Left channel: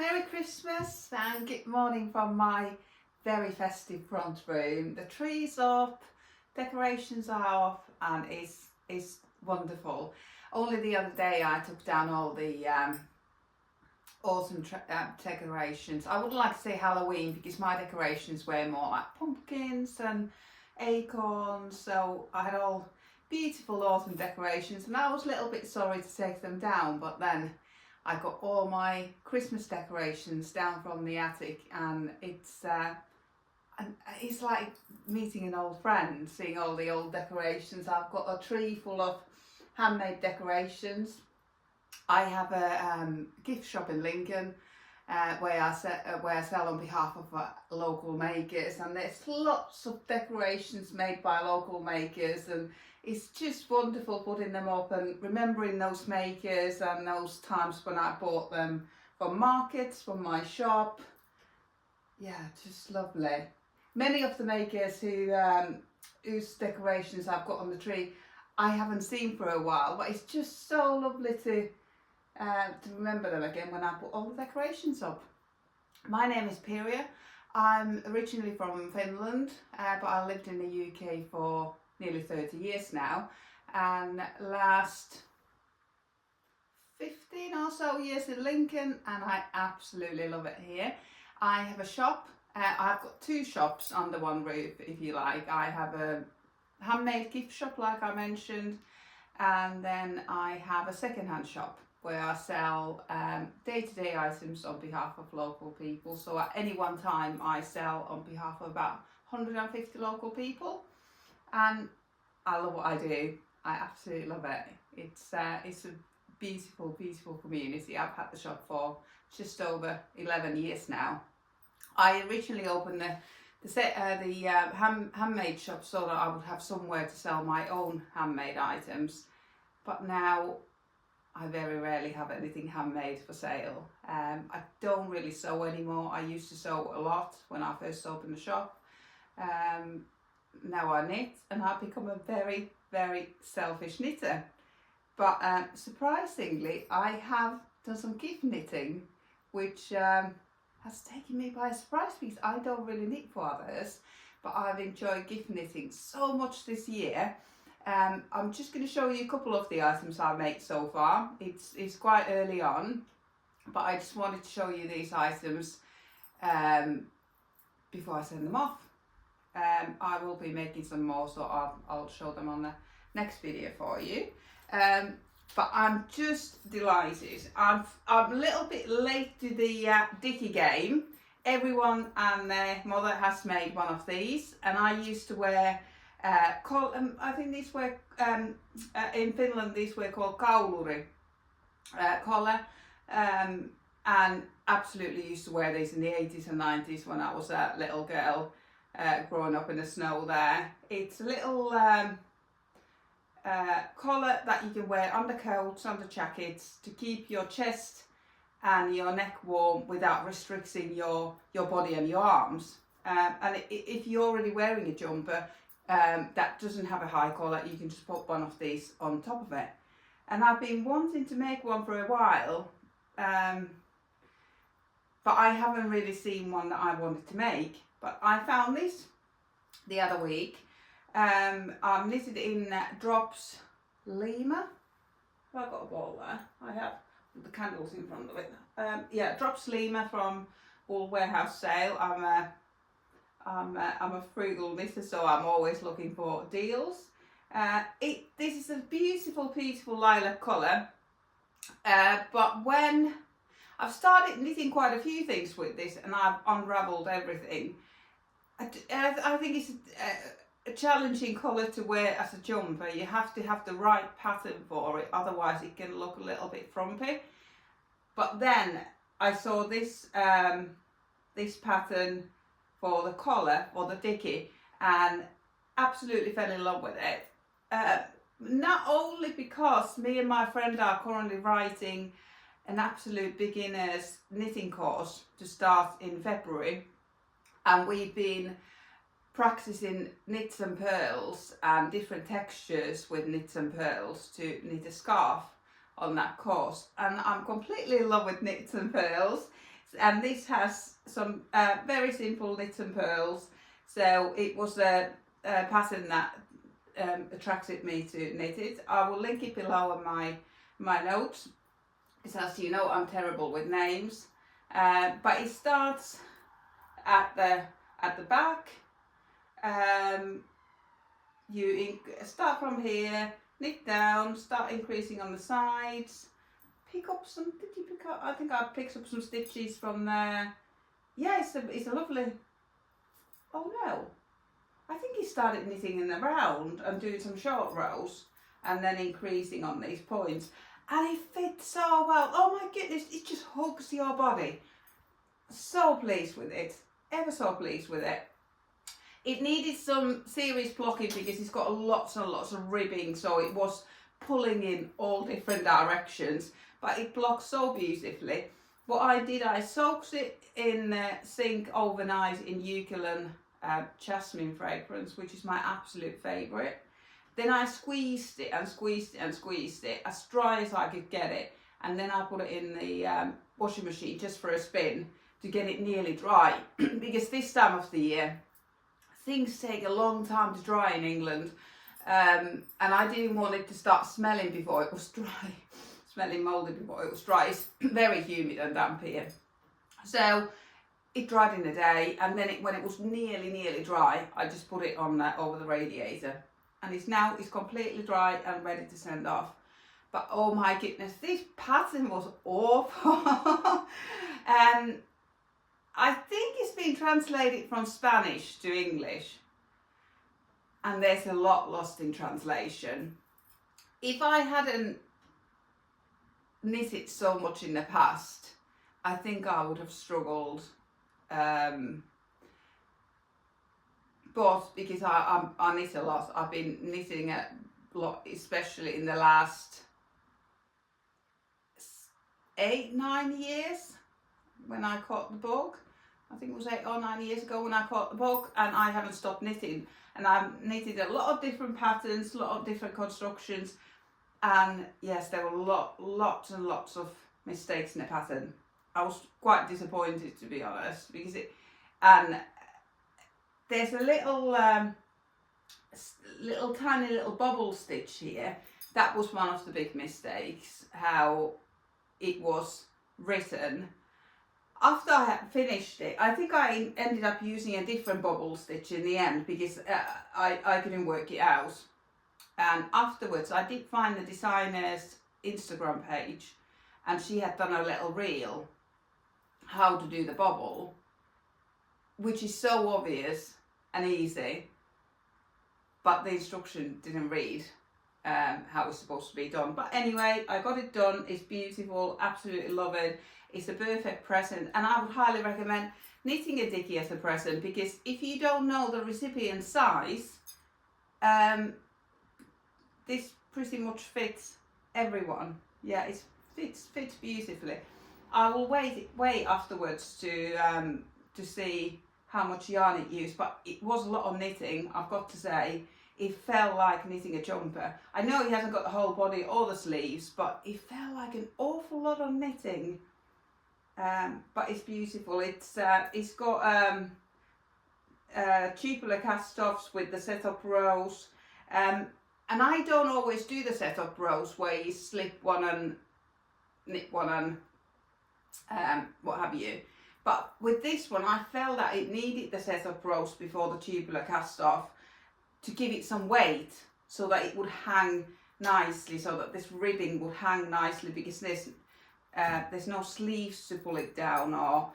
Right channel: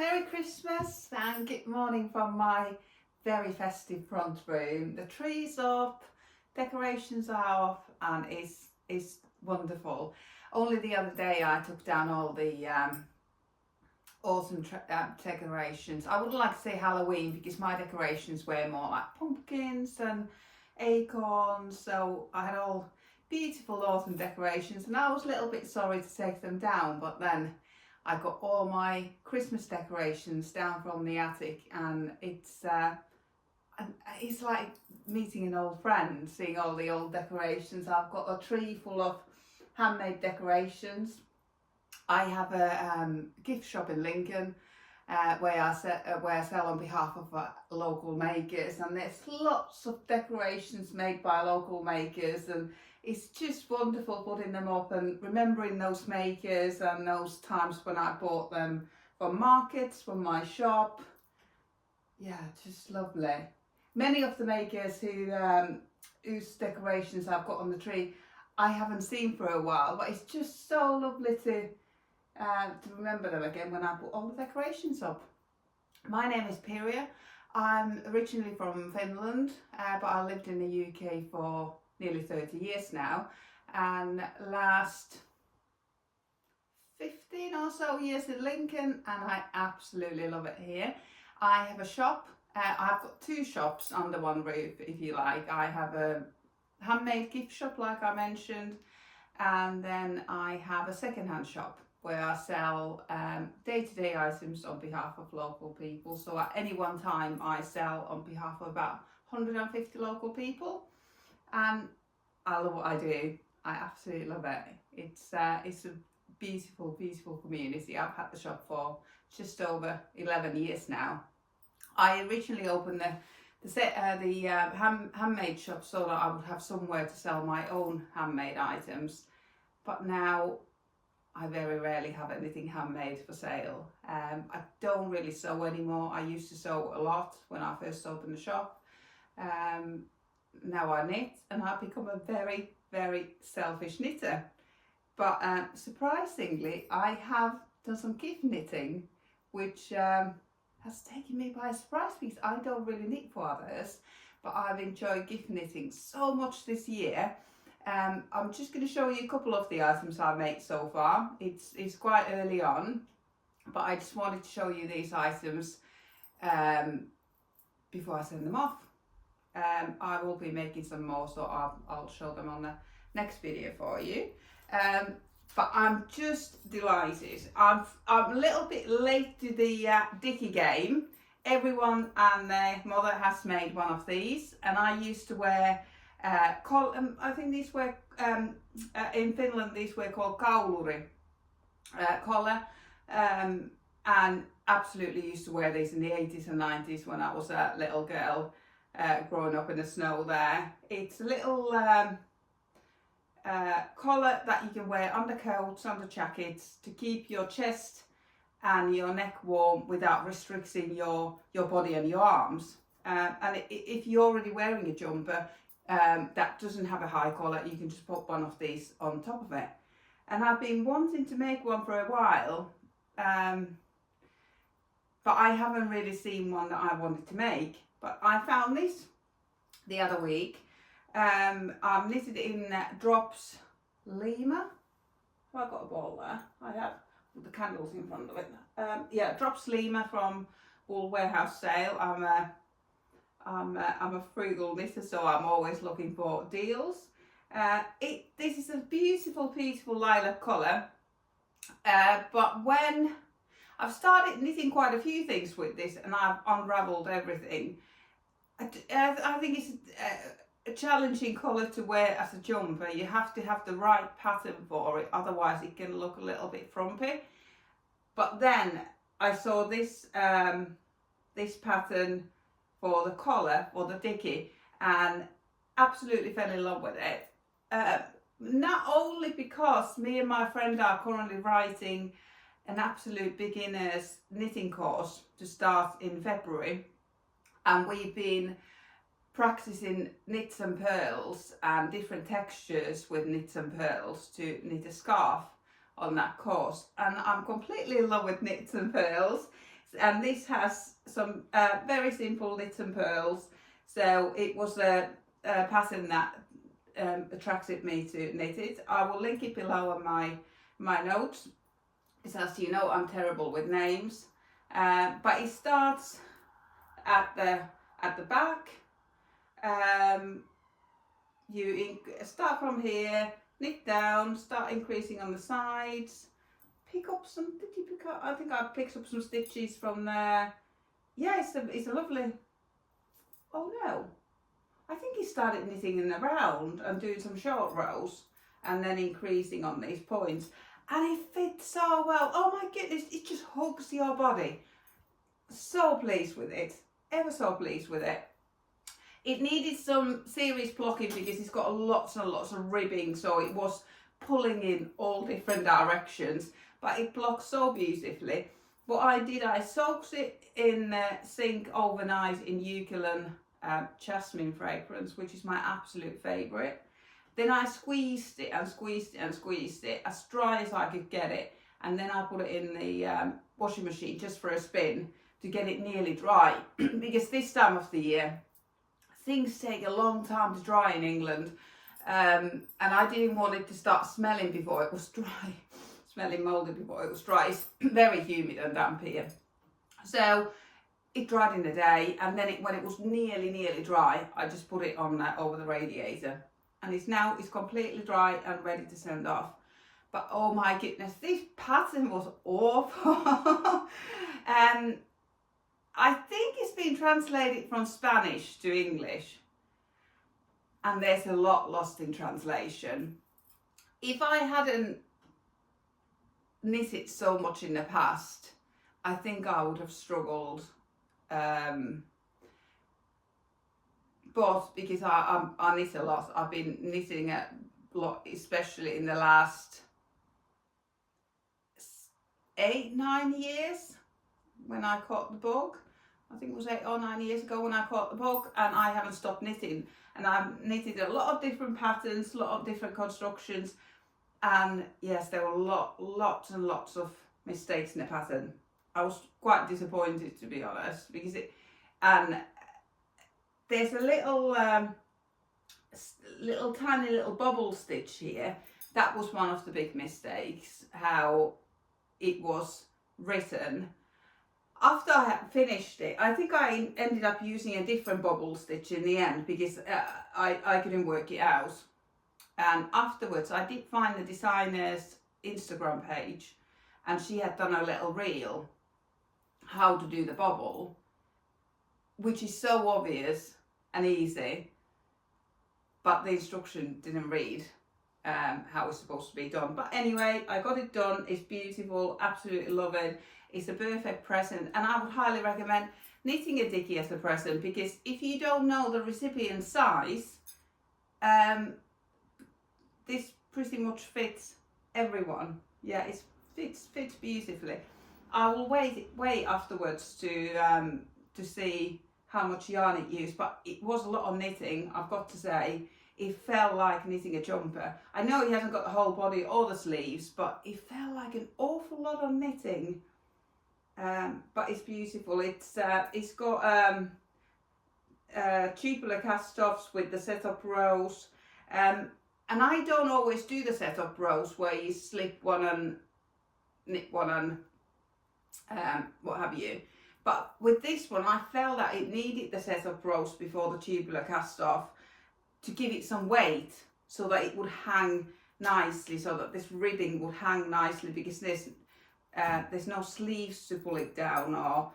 Merry Christmas and good morning from my very festive front room. The tree's up, decorations are off, and it's wonderful. Only the other day I took down all the autumn decorations. I would like to say Halloween because my decorations were more like pumpkins and acorns, so I had all beautiful autumn decorations and I was a little bit sorry to take them down, but then I got all my Christmas decorations down from the attic, and it's like meeting an old friend, seeing all the old decorations. I've got a tree full of handmade decorations. I have a gift shop in Lincoln where I sell on behalf of local makers, and there's lots of decorations made by local makers, and it's just wonderful putting them up and remembering those makers and those times when I bought them from markets, from my shop. Yeah, just lovely. Many of the makers whose decorations I've got on the tree I haven't seen for a while, but it's just so lovely to remember them again when I put all the decorations up. My name is Pirja. I'm originally from Finland, but I lived in the UK for nearly 30 years now, and last 15 or so years in Lincoln, and I absolutely love it here. I have a shop. I've got two shops under one roof, if you like. I have a handmade gift shop, like I mentioned, and then I have a second-hand shop where I sell day-to-day items on behalf of local people. So at any one time I sell on behalf of about 150 local people, and I love what I do. I absolutely love it. It's a beautiful, beautiful community. I've had the shop for just over 11 years now. I originally opened the handmade shop so that I would have somewhere to sell my own handmade items, but now I very rarely have anything handmade for sale. I don't really sew anymore. I used to sew a lot when I first opened the shop. Now I knit, and I've become a very, very selfish knitter. But surprisingly, I have done some gift knitting, which has taken me by surprise because I don't really knit for others, but I've enjoyed gift knitting so much this year. I'm just going to show you a couple of the items I've made so far. It's quite early on, but I just wanted to show you these items before I send them off. I will be making some more, so I'll show them on the next video for you. But I'm just delighted. I'm a little bit late to the Dicky game. Everyone and their mother has made one of these, and I used to wear I think these were in Finland these were called kauluri collar, and absolutely used to wear these in the 80s and 90s when I was a little girl growing up in the snow there. It's a little collar that you can wear under coats, under jackets, to keep your chest and your neck warm without restricting your body and your arms. And if you're already wearing a jumper that doesn't have a high collar, you can just put one of these on top of it. And I've been wanting to make one for a while, but I haven't really seen one that I wanted to make. But I found this the other week. I'm knitted in Drops Lima. Have I got a ball there? I have the candles in front of it. Yeah, Drops Lima from Wool Warehouse Sale. I'm a frugal knitter, so I'm always looking for deals. This is a beautiful, beautiful lilac colour. But when I've started knitting quite a few things with this, and I've unravelled everything, I think it's a challenging colour to wear as a jumper. You have to have the right pattern for it, otherwise it can look a little bit frumpy. But then I saw this this pattern for the collar, for the Dicky, and absolutely fell in love with it. Not only because me and my friend are currently writing an absolute beginner's knitting course to start in February, and we've been practicing knits and purls and different textures with knits and purls to knit a scarf on that course, and I'm completely in love with knits and purls. and this has some very simple knits and pearls. So it was a pattern that attracted me to knit it. I will link it below on my notes, because as you know, I'm terrible with names. But it starts at the back. You start from here, knit down, start increasing on the sides. Pick up some. Did you pick up? I think I picked up some stitches from there. Yeah, it's a lovely. Oh no, I think he started knitting in the round and doing some short rows and then increasing on these points, and it fits so well. Oh my goodness, it just hugs your body. So pleased with it, ever so pleased with it. It needed some serious blocking because it's got lots and lots of ribbing, so it was pulling in all different directions, but it blocks so beautifully. What I did, I soaked it in the sink overnight in eucalyptus jasmine fragrance, which is my absolute favourite. Then I squeezed it and squeezed it and squeezed it as dry as I could get it, and then I put it in the washing machine just for a spin to get it nearly dry, because this time of the year things take a long time to dry in England, and I didn't want it to start smelling before it was dry, smelling mouldy before it was dry. It's very humid and damp here. So it dried in a day, and then when it was nearly dry, I just put it on over the radiator, and it's completely dry and ready to send off. But oh my goodness, this pattern was awful. I think it's been translated from Spanish to English, and there's a lot lost in translation. If I hadn't knitted so much in the past, I think I would have struggled. But because I knit a lot, I've been knitting a lot, especially in the last 8-9 years when I caught the bug. I think it was 8 or 9 years ago when I caught the bug, and I haven't stopped knitting. And I've knitted a lot of different patterns, a lot of different constructions, and yes, there were lots and lots of mistakes in the pattern. I was quite disappointed, to be honest, because there's a little tiny little bubble stitch here. That was one of the big mistakes, how it was written. After I had finished it, I think I ended up using a different bubble stitch in the end, because I couldn't work it out. And afterwards I did find the designer's Instagram page, and she had done a little reel how to do the bubble, which is so obvious and easy, but the instruction didn't read how it's supposed to be done. But anyway, I got it done. It's beautiful, absolutely love it. It's a perfect present, and I would highly recommend knitting a Dicky as a present, because if you don't know the recipient size, this pretty much fits everyone. Yeah, it fits beautifully. I will wait afterwards to see how much yarn it used, but it was a lot of knitting, I've got to say. It felt like knitting a jumper. I know it hasn't got the whole body or the sleeves, but it felt like an awful lot of knitting. But it's beautiful. It's got tubular cast-offs with the set-up rows, and I don't always do the set-up rows where you slip one and knit one and what have you. But with this one, I felt that it needed the set-up rows before the tubular cast-off to give it some weight, so that it would hang nicely, so that this ribbing would hang nicely, because there's no sleeves to pull it down, or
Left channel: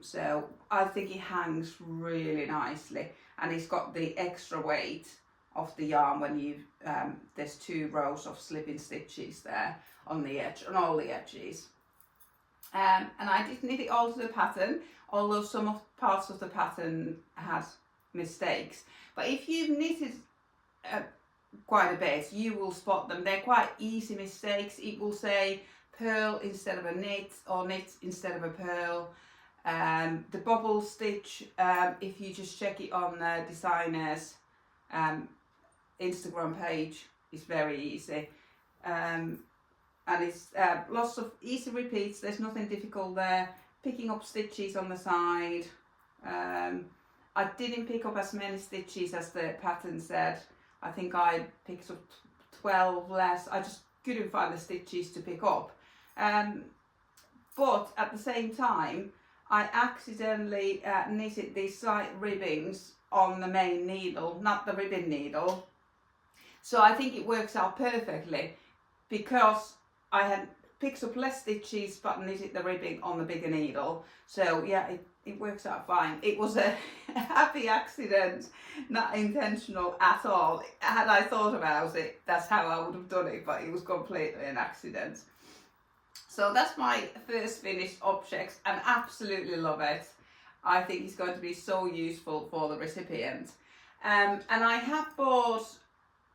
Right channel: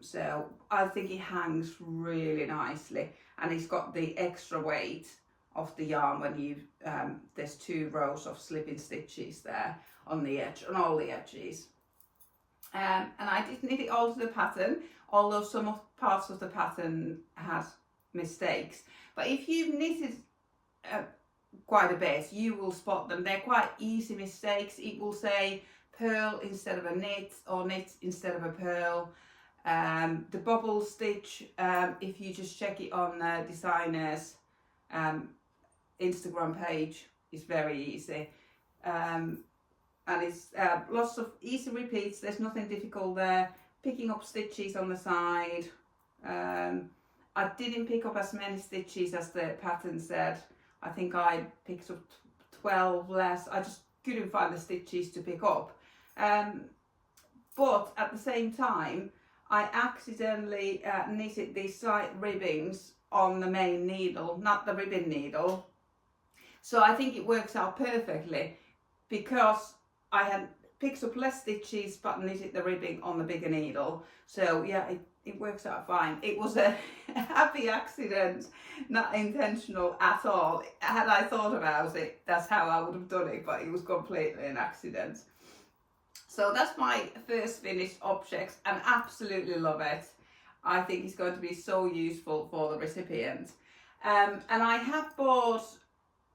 so I think it hangs really nicely, and it's got the extra weight of the yarn when you there's 2 rows of slipping stitches there on the edge, on all the edges. And I did knit it all to the pattern, although some parts of the pattern had mistakes. But if you've knitted quite a bit, you will spot them. They're quite easy mistakes. It will say pearl instead of a knit, or knit instead of a pearl. The bubble stitch, if you just check it on the designer's Instagram page, is very easy. And it's lots of easy repeats. There's nothing difficult there. picking up stitches on the side. I didn't pick up as many stitches as the pattern said. I think I picked up 12 less. I just couldn't find the stitches to pick up. But at the same time, I accidentally knitted these slight ribbings on the main needle, not the ribbon needle. So I think it works out perfectly because I had picked up less stitches but knitted the ribbing on the bigger needle. So yeah, it works out fine. It was a happy accident, not intentional at all. Had I thought about it, that's how I would have done it, but it was completely an accident. So that's my first finished object and absolutely love it. I think it's going to be so useful for the recipient. And I have bought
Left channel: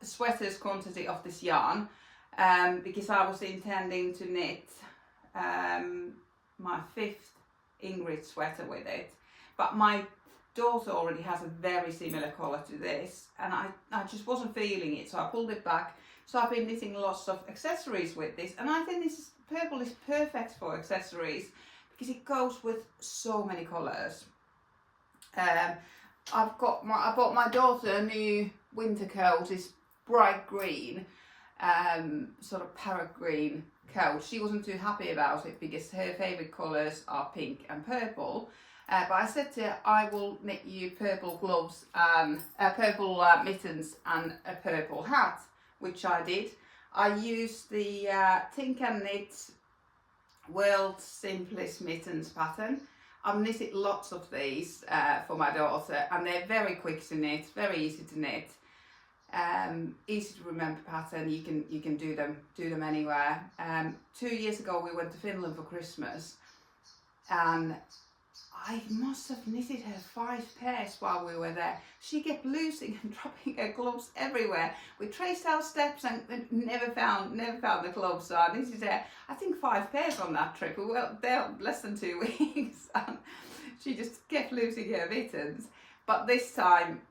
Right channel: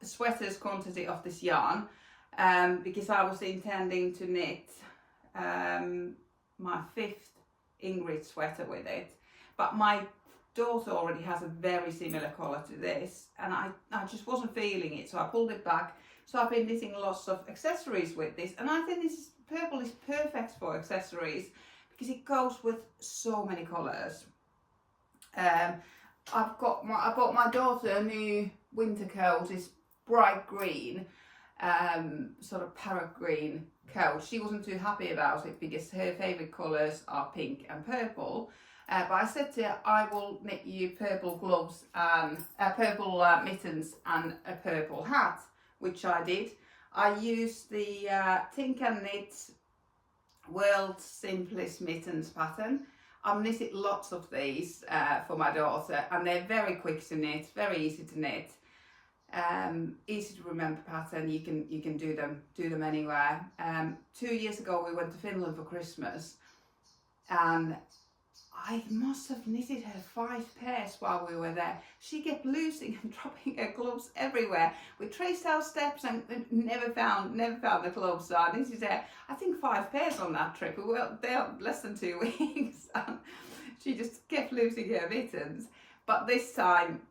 a sweater's quantity of this yarn because I was intending to knit my 5th Ingrid sweater with it. But my daughter already has a very similar colour to this and I just wasn't feeling it, so I pulled it back. So I've been knitting lots of accessories with this, and I think purple is perfect for accessories because it goes with so many colours. I bought my daughter a new winter coat, this bright green, sort of parrot green coat. She wasn't too happy about it because her favourite colours are pink and purple. But I said to her, I will knit you purple gloves and purple mittens and a purple hat, which I did. I used the Think and Knit World's Simplest Mittens pattern. I've knitted lots of these for my daughter, and they're very quick to knit, very easy to knit, easy to remember pattern. You can do them anywhere. 2 years ago we went to Finland for Christmas, and I must have knitted her 5 pairs while we were there. She kept losing and dropping her gloves everywhere. We traced our steps and never found the gloves. So I knitted her, I think 5 pairs on that trip. We were there less than 2 weeks. And she just kept losing her mittens. But this time,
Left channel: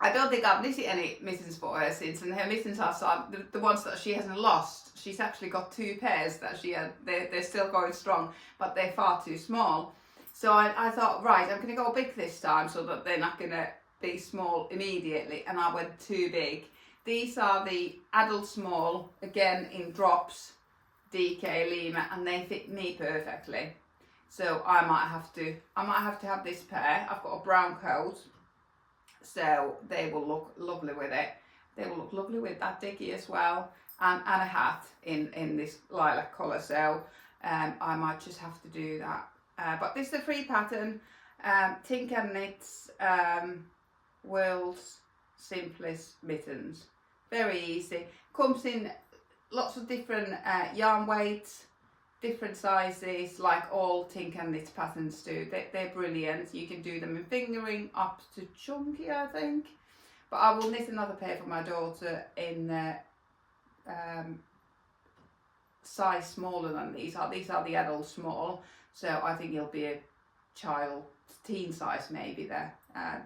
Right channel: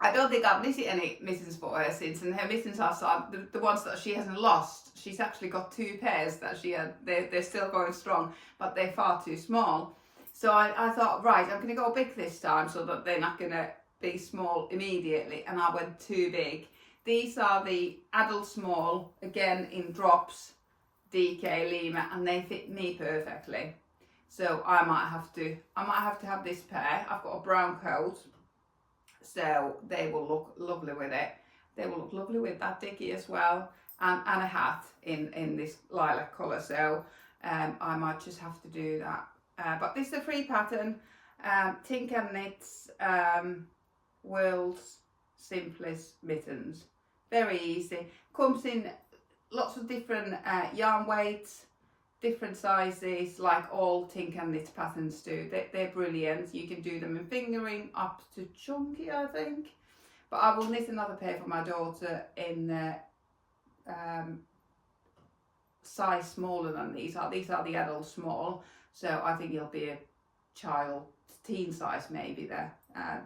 I don't think I've knitted any mittens for her since, and her mittens are the ones that she hasn't lost. She's actually got 2 pairs that she had. They're still going strong, but they're far too small. So I thought, right, I'm going to go big this time so that they're not going to be small immediately, and I went too big. These are the adult small, again in drops, DK Lima, and they fit me perfectly. So I might have to have this pair. I've got a brown coat, so they will look lovely with it. They will look lovely with that Dicky as well, and a hat in this lilac colour. So I might just have to do that. But this is a free pattern, Think and Knit's World's Simplest Mittens. Very easy. Comes in lots of different yarn weights, different sizes, like all Think and Knit patterns do. They're brilliant. You can do them in fingering up to chunky, I think. But I will knit another pair for my daughter in size smaller than these are. These are the adult small. So I think it'll be a child, teen size maybe there,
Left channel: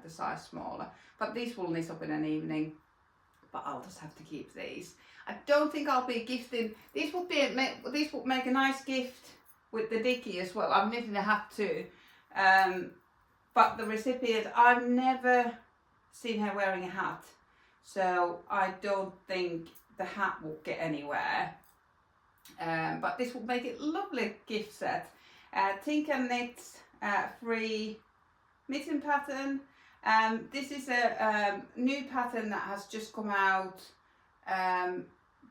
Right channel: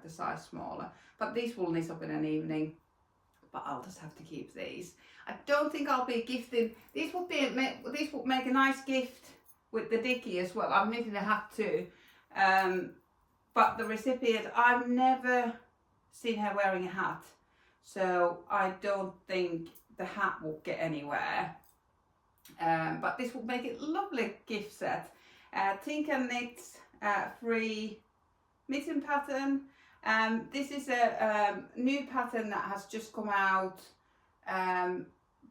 the size smaller. But these will knit up in an evening, but I'll just have to keep these. I don't think I'll be gifting, these would make a nice gift with the Dicky as well. I'm knitting a hat too. But the recipient, I've never seen her wearing a hat. So I don't think the hat will get anywhere. But this will make it a lovely gift set. Think and Knit free mitten pattern. This is a new pattern that has just come out,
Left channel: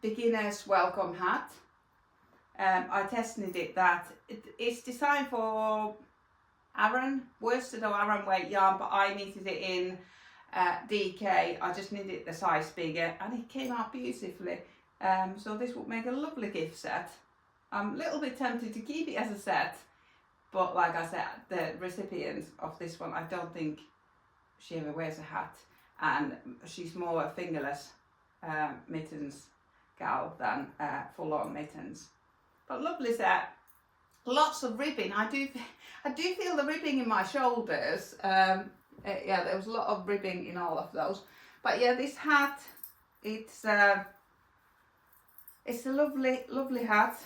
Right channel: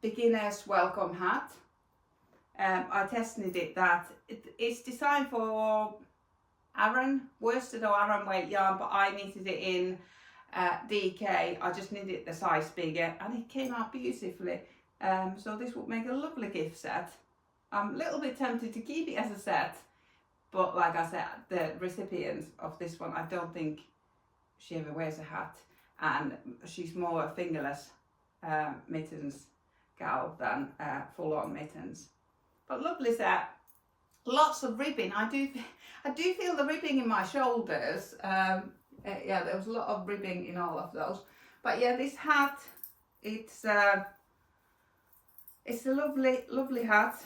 beginner's welcome hat. I test knitted that. It's designed for Aran, worsted or Aran weight yarn, but I knitted it in DK. I just knitted the size bigger and it came out beautifully. So this would make a lovely gift set. I'm a little bit tempted to keep it as a set, but like I said, the recipient of this one, I don't think she ever wears a hat, and she's more a fingerless mittens gal than full-on mittens. But lovely set, lots of ribbing. I do feel the ribbing in my shoulders. Yeah, there was a lot of ribbing in all of those. But yeah, this hat, it's a lovely hat.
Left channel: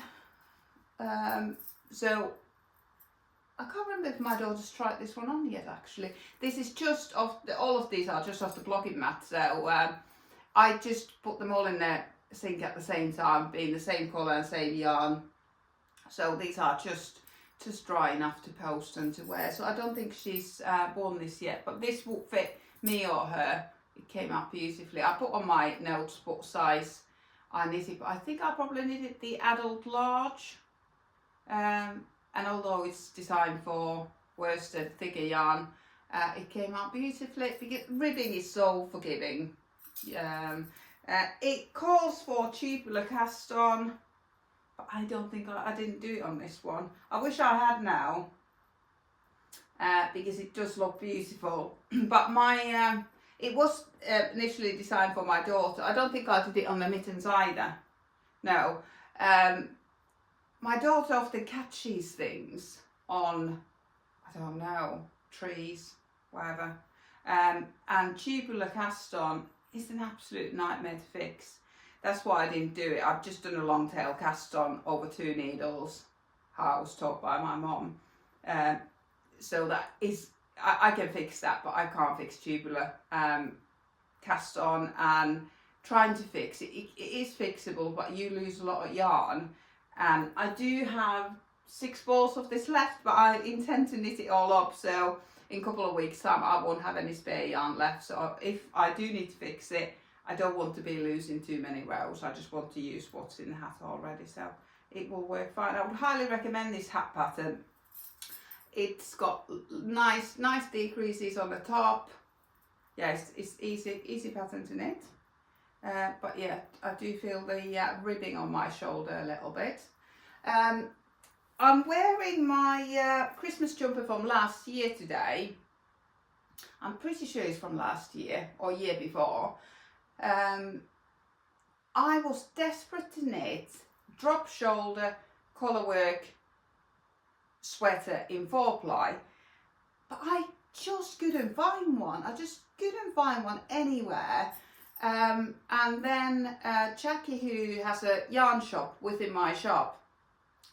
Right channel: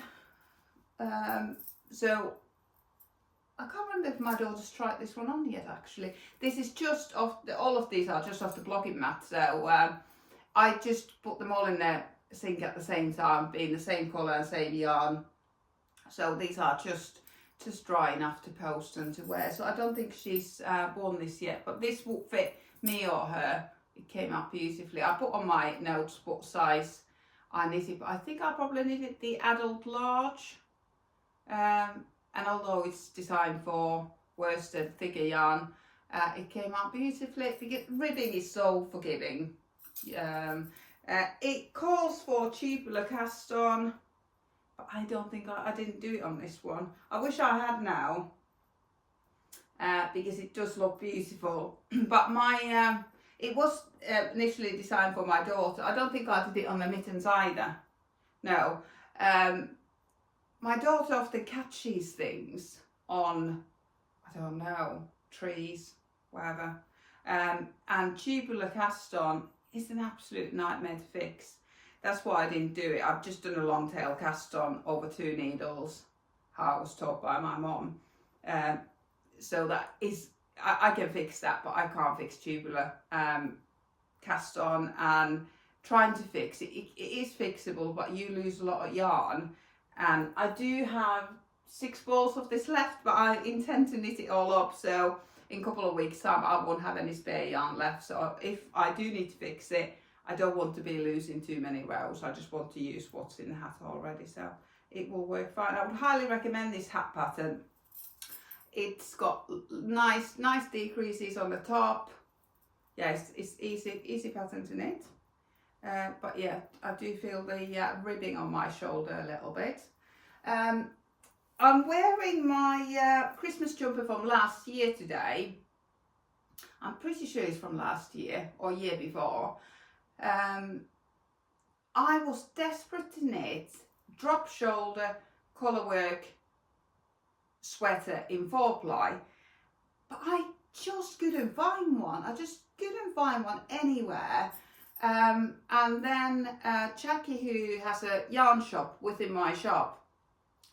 So I can't remember if my daughter's tried this one on yet actually. This is just off, all of these are just off the blogging mat, so I just put them all in the sink at the same time, being the same colour and same yarn. So these are just dry enough to post and to wear. So I don't think she's worn this yet, but this will fit me or her. It came out beautifully. I put on my notes what size I knitted, but I think I probably knitted the adult large. And although it's designed for worsted, thicker yarn, it came out beautifully. The ribbing is so forgiving. It calls for tubular cast on, but I don't think I didn't do it on this one. I wish I had now, because it does look beautiful. But my it was initially designed for my daughter. I don't think I did it on the mittens either. No. My daughter often catches things on, I don't know, trees, whatever. And tubular cast on is an absolute nightmare to fix. That's why I didn't do it. I've just done a long tail cast on over 2 needles, how I was taught by my mum. So that is, I can fix that, but I can't fix tubular cast on. And trying to fix it, it is fixable, but you lose a lot of yarn. And I do have 6 balls of this left, but I intend to knit it all up. So in a couple of weeks time, I won't have any spare yarn left. So if I do need to fix it, I don't want to be losing too many rows. I just want to use what's in the hat already. So it will work fine. I would highly recommend this hat pattern. It's got nice decreases on the top. Yes, it's easy pattern to knit. But yeah, I do feel the ribbing on my shoulder a little bit. I'm wearing my Christmas jumper from last year today. I'm pretty sure it's from last year or year before. I was desperate to knit drop shoulder colourwork sweater in 4-ply, but I just couldn't find one. I just couldn't find one anywhere. And then Jackie, who has a yarn shop within my shop,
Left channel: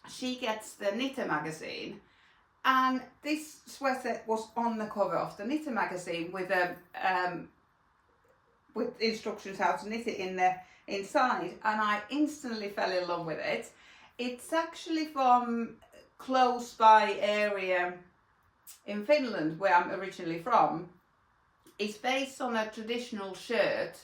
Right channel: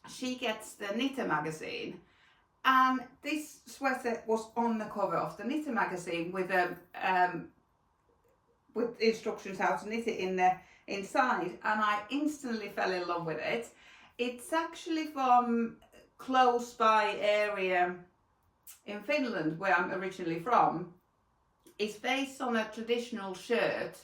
she gets the Knitter magazine, and this sweater was on the cover of the Knitter magazine with instructions how to knit it in the inside, and I instantly fell in love with it. It's actually from close by area in Finland, where I'm originally from. It's based on a traditional shirt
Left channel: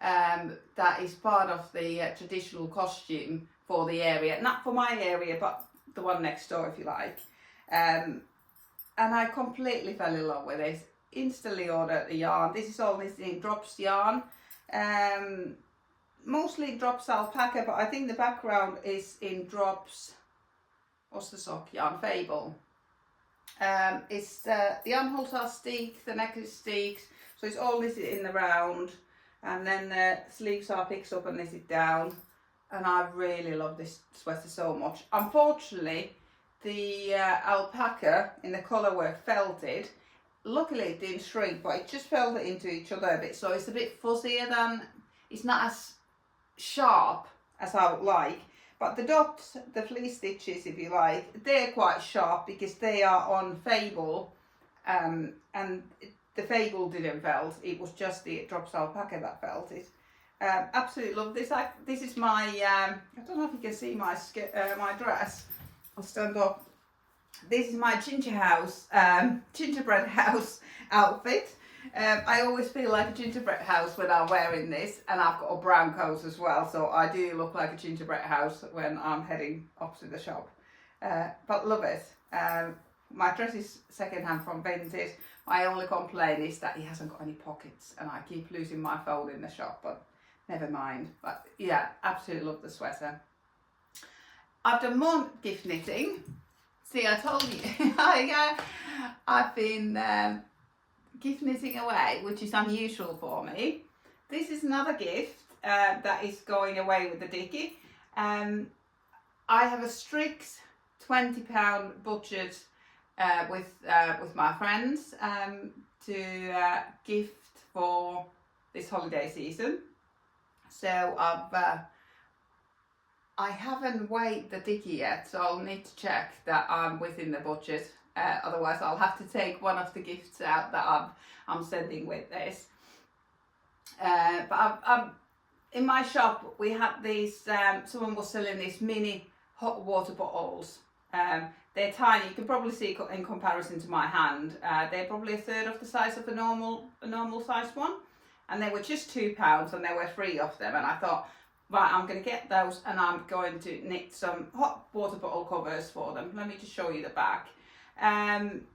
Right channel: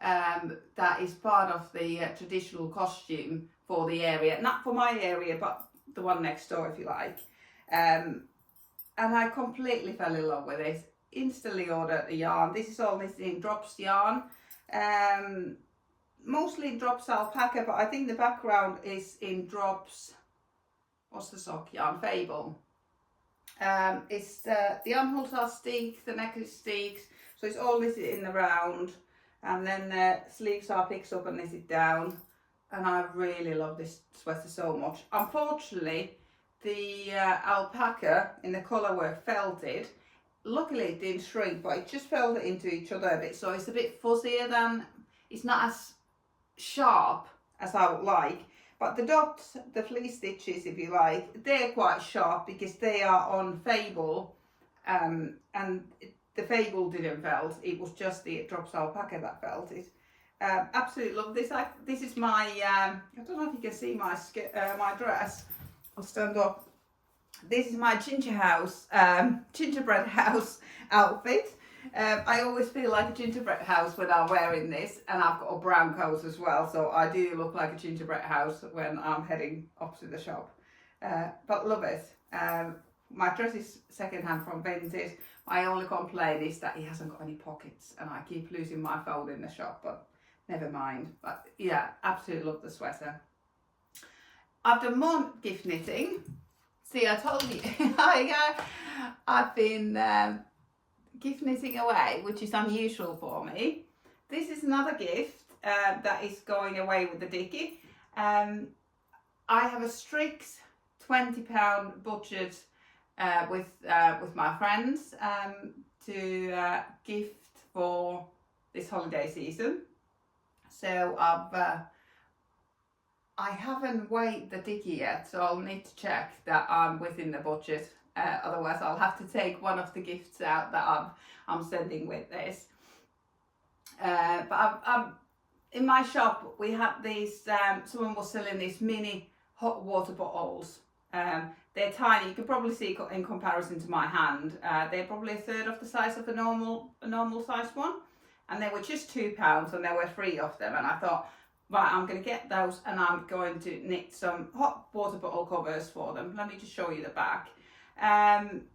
that is part of the traditional costume for the area, not for my area, but the one next door, if you like. And I completely fell in love with it. Instantly ordered the yarn. This is all knitted in drops yarn, mostly drops alpaca, but I think the background is in drops. What's the sock yarn? Fable. It's the armholes are steek, the neck is steeks, so it's all knitted in the round. And then the sleeves are picked up and knitted down, and I really love this sweater so much. Unfortunately, the alpaca in the colourwork felted. Luckily it didn't shrink, but it just felted into each other a bit, so it's a bit fuzzier than, it's not as sharp as I would like. But the dots, the fleece stitches, if you like, they're quite sharp because they are on Fable, and the Fable didn't felt, it was just the drops alpaca that felted. Absolutely love this. This is my, I don't know if you can see my my dress. I'll stand up. This is my gingerbread house outfit. I always feel like a gingerbread house when I'm wearing this, and I've got a brown coat as well, so I do look like a gingerbread house when I'm heading up to the shop. But love it. My dress is second-hand from Vinted. My only complaint is that it hasn't got any pockets, and I keep losing my phone in the shop, but never mind. But yeah, absolutely love the sweater. I've done more gift knitting. See, I told you, I've been gift knitting away, which is unusual for me. This is another gift that is going away with the Dicky. I have a strict £20 budget with my friends to gift for this holiday season. So I haven't weighed the Dicky yet, so I'll need to check that I'm within the budget otherwise I'll have to take one of the gifts out that I'm sending with this. But in my shop we had these, someone was selling these mini hot water bottles. They're tiny, you can probably see in comparison to my hand, they're probably a third of the size of a normal size one, and they were just £2 and there were 3 of them, and I thought, right, I'm going to get those and I'm going to knit some hot water bottle covers for them. Let me just show you the back. And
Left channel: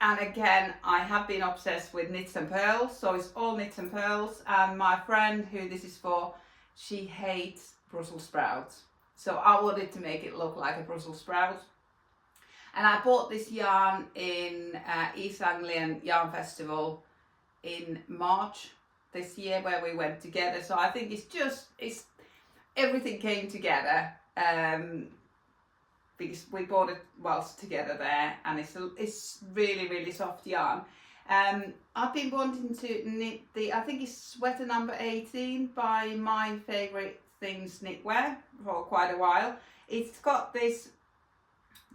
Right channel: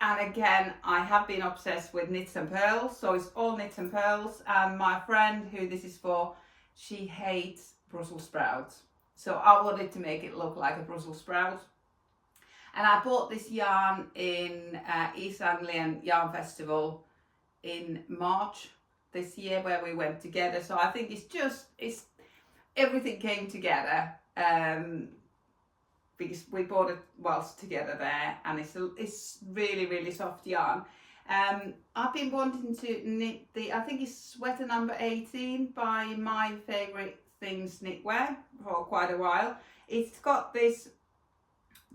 again, I have been obsessed with knits and pearls, so it's all knits and pearls, and my friend who this is for, she hates Brussels sprouts. So I wanted to make it look like a Brussels sprout. And I bought this yarn in East Anglian Yarn Festival in March this year, where we went together. So I think it's everything came together, because we bought it whilst together there, and it's really, really soft yarn. I've been wanting to knit I think it's sweater number 18 by My Favourite Things Knitwear for quite a while. It's got this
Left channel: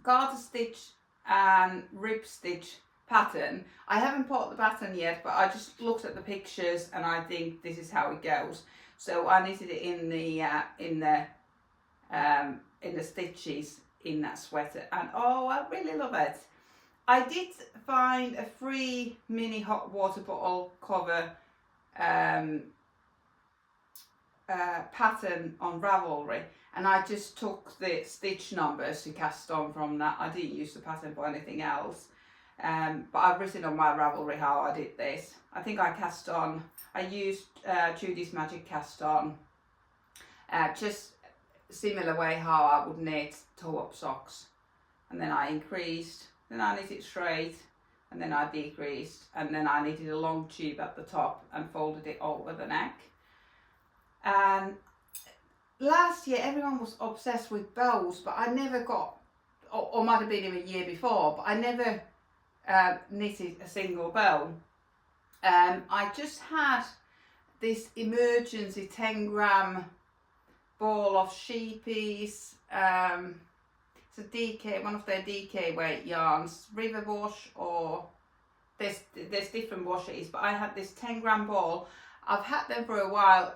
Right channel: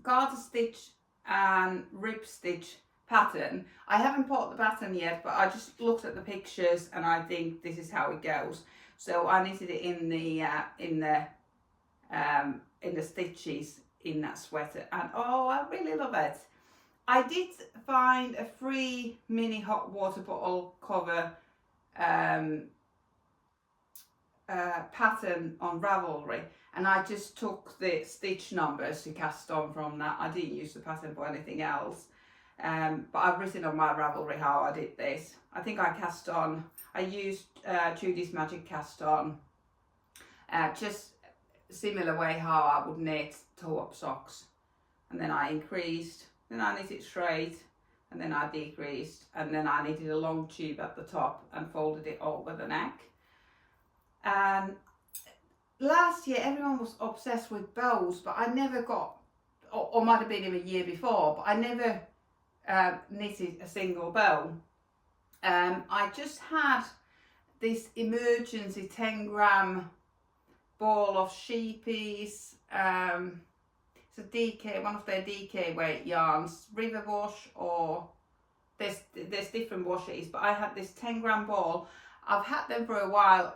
garter stitch and rib stitch pattern. I haven't bought the pattern yet, but I just looked at the pictures and I think this is how it goes. So I knitted it in the stitches in that sweater, and oh, I really love it. I did find a free mini hot water bottle cover pattern on Ravelry, and I just took the stitch numbers to cast on from that. I didn't use the pattern for anything else, but I've written on my Ravelry how I did this. I think I used Judy's Magic cast on, just similar way how I would knit toe-up socks, and then I increased, then I knit it straight, and then I decreased, and then I knitted a long tube at the top and folded it over the neck. And last year everyone was obsessed with bows, but I never got, or might have been even a year before, but I never knitted a single bow. I just had this emergency 10-gram ball of sheepies. It's a DK, one of their DK weight yarns, River Wash, or there's different washes, but I had this 10-gram ball. I've had them for a while,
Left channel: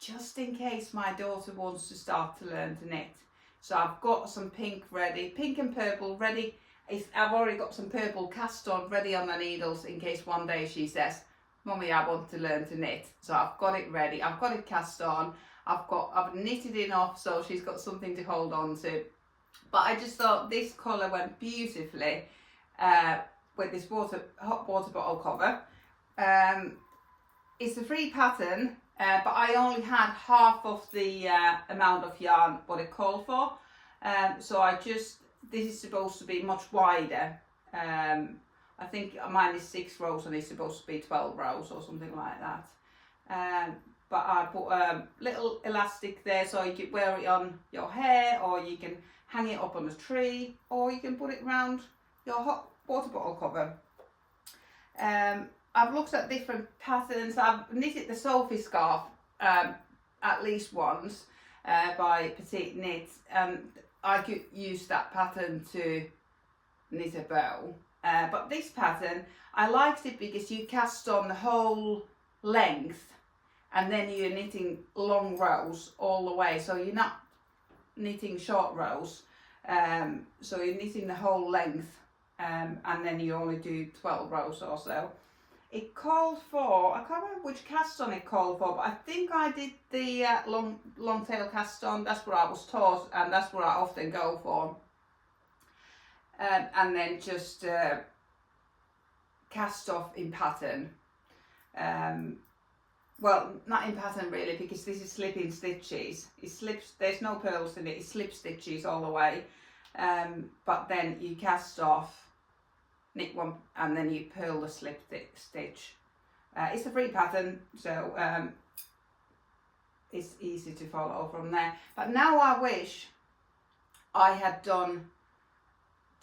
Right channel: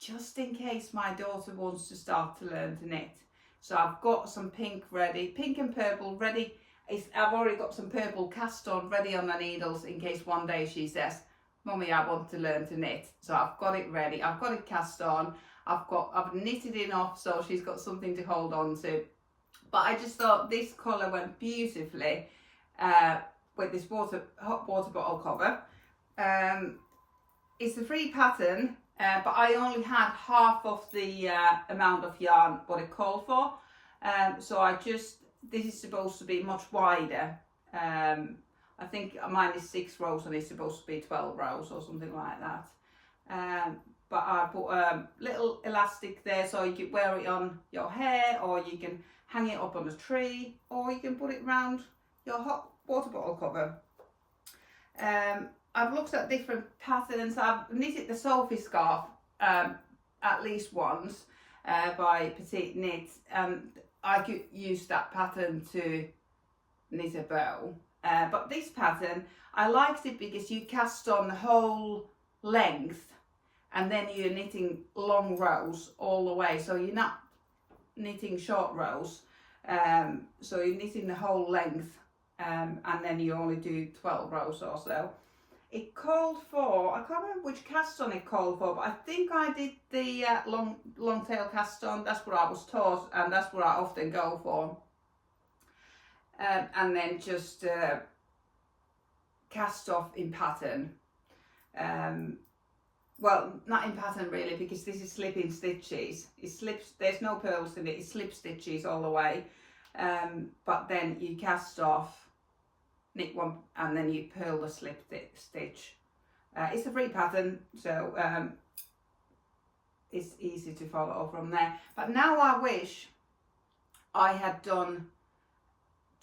just in case my daughter wants to start to learn to knit. So I've got some pink ready, pink and purple ready. I've already got some purple cast on ready on the needles in case one day she says, Mummy, I want to learn to knit. So I've got it ready, I've got it cast on, I've knitted enough so she's got something to hold on to. But I just thought this colour went beautifully with this hot water bottle cover. It's a free pattern, but I only had half of the amount of yarn what it called for. So this is supposed to be much wider. I think mine is 6 rows and it's supposed to be 12 rows or something like that. But I put a little elastic there so you can wear it on your hair, or you can hang it up on a tree, or you can put it around your hot water bottle cover. I've looked at different patterns. I've knitted the Sophie scarf at least once by Petite Knit, and I could use that pattern to knit a bow. But this pattern, I liked it because you cast on the whole length, and then you're knitting long rows all the way, so you're not knitting short rows. So you're knitting the whole length, and then you only do 12 rows or so. It called for, I can't remember which cast on it called for, but I think I did the long tail cast on. That's what I was taught, and that's what I often go for. And then just cast off in pattern. Well, not in pattern really, because this is slipping stitches. It slips, there's no pearls in it, it slip stitches all the way. But then you cast off, knit one, and then you purl the slip stitch. It's a free pattern, so it's easy to follow from there. But now I wish I had done